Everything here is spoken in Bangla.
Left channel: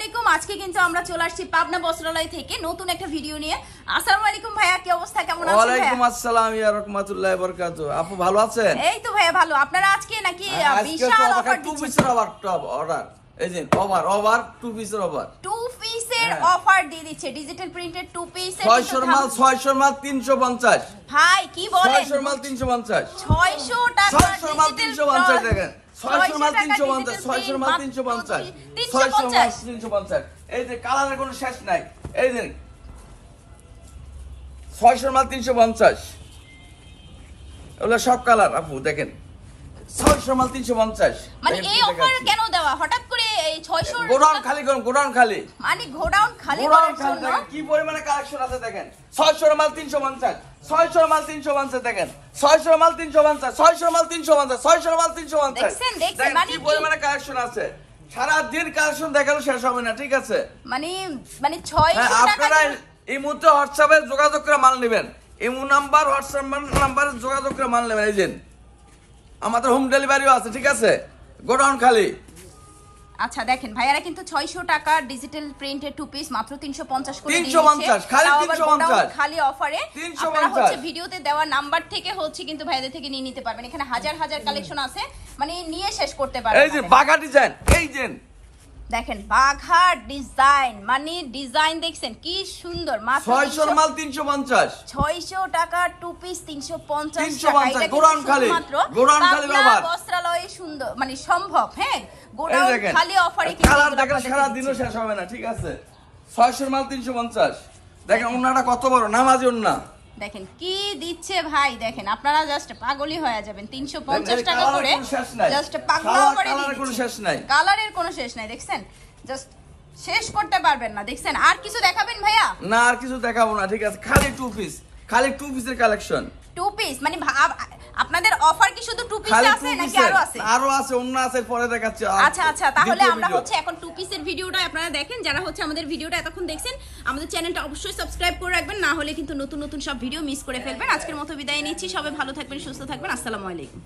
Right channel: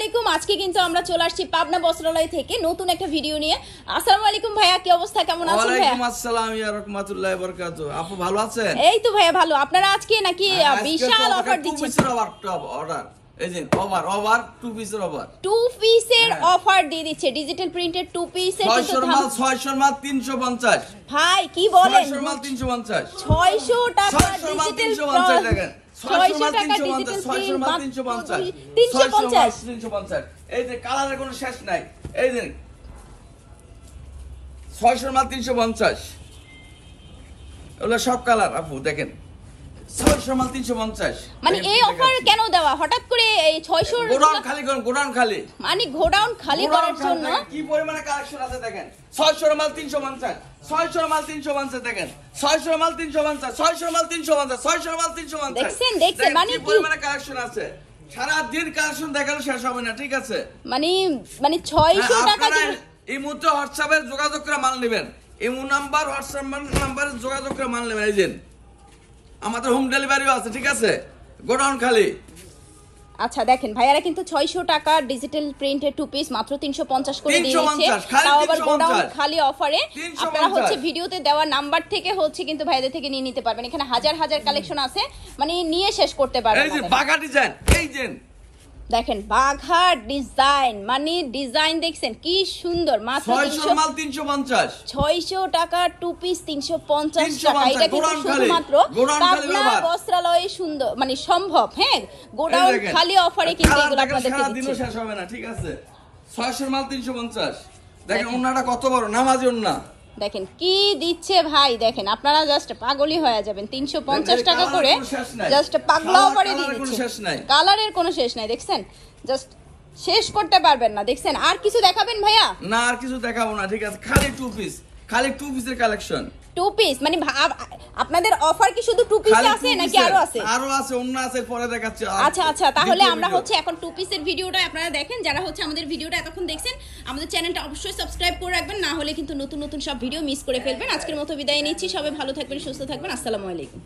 আলাইকুম। আজকে কিন্তু আমরা চলে আসছি পাবনা বস্ত্রালয় থেকে নতুন একটা ভিডিও নিয়ে। আসসালামু আলাইকুম ভাইয়া, কি অবস্থা, কেমন আছেন? ওয়ালাইকুম আসসালাম ইয়া রাহমাতুল্লাহি ওয়া বারাকাতুহু। আপু ভালো আছেন? এই তো ভাইয়া ভালো। আপনারা আজকে নাকি বিশাল অফার টু পিসের অর্ডার, এই যে ওভার টু পিসের অফার দিয়ে দিচ্ছে। ডিজিটাল প্রিন্টেড টু পিসের 600 মাল 350। ভাই কি বলেন? 600 মাল 350। 600 টাকা 600 মাল 350 দেখেন। 600 মাল 350, 600 মাল 350, 600 মাল 350। এই যে কালারের কোনো শেষ নাই। এই যে 600 মাল 350। এগুলো সব কালার আপু দেখেন। 600 মাল 350। মানে এই অফার কেন দেওয়া হঠাৎ করে? এই 600 গোডাউন খালি করুন, গোডাউন খালি। মানে গোডাউন খালি করার জন্য কি পরিমাণে কালেকশন আছে দেখেন। 600 মাল 350, 600 মাল 350 দেখেন। 600 মাল 350, 600 মাল 350, 600 মাল 350। দেখছেন মানে কি পরিমাণে কালেকশন আছে। সারা দিন কালেকশন দেখালে শেষ হবে না, ঠিক আছে? মানে 600 টাকা। আপনারা এই মুহূর্তে হোয়াটসঅ্যাপে যোগাযোগ করে মাল নেবেন। ইমো নাম্বার, হোয়াটসঅ্যাপ নাম্বারে যোগাযোগ করে মাল নেবেন। এই যে আমাদের হোম ডেলিভারিও আছে, ঠিক আছে? গোডাউন খালি। আচ্ছা দেখেন ভাইয়ারা কিন্তু 600 টাকা ডিজিটাল প্রিন্টেড টু পিস মাত্র 350 করে দিয়েছে। 350 খালি 350 খালি অফারে। 350 হচ্ছে ভিডিওতে দেওয়া নাম্বার থেকে হচ্ছে কিন্তু ভাইদের থেকে নিয়ে নিতে পারবেন। এখানে হাজার হাজার কালেকশন আছে, মানে নিয়ে শেষ করতে পারবেন। এই যে বাঘা ডিজাইন, এই যে দেখেন বাঘা ডিজাইন, মানে ডিজাইন দেখছেন কি সুন্দর। মাত্র 600 মাল 350, 600 টাকা টু পিস 350 350 গোডাউন খালি, গোডাউন খালি ব্যবহার। বস্ত্রালয়ে সুন্দর মানে সম্ভব। হ্যাঁ গোডাউন খালি অফারে কি কালার দেখেন সারা দিনও শেষ হবে না, ঠিক আছে? 600 মাল 350 দেখেন। ওন্নাটা কত বড়, নামাজি ওন্না দেখেন কি দিচ্ছে ভাই। দেখেন আপনারা জাস্ট পাগলই হয়ে যাবেন। 350 টাকা করে জাস্ট পাগলা করে দিচ্ছে। কোনো শেষ নাই, কালারের কোনো শেষ নাই। দেখছেন জাস্ট শেষ করতে পারবেন না। দেখছেন আর কিছু দেখাবেন ভাইয়া? না আর কিছু দেখাবো না, ঠিক আছে? খালি টু পিস, খালি টু পিসের কালেকশন। টু পিস মানে আপনাদের অফার কি শুধু টু পিস আছে নাকি আরো আছে? আরো আছে, অন্য আছে, পরে দেখাচ্ছি। আচ্ছা আচ্ছা, তাহলে আমরা হচ্ছে এখন টু পিসের ভিডিওটা আপনারা দেখেন। যারা হচ্ছে আমাদের ভিডিওটা এতক্ষণ দেখছেন, আমাদের চ্যানেলটা অবশ্যই সাবস্ক্রাইব করে রাখবেন, না হলে কিন্তু নতুন নতুন সব ভিডিও মিস করে ফেলবেন। আজকের মতো বিদায় নিচ্ছি। সবাই ভালো থাকবেন, সুস্থ থাকবেন। আসসালামু আলাইকুম।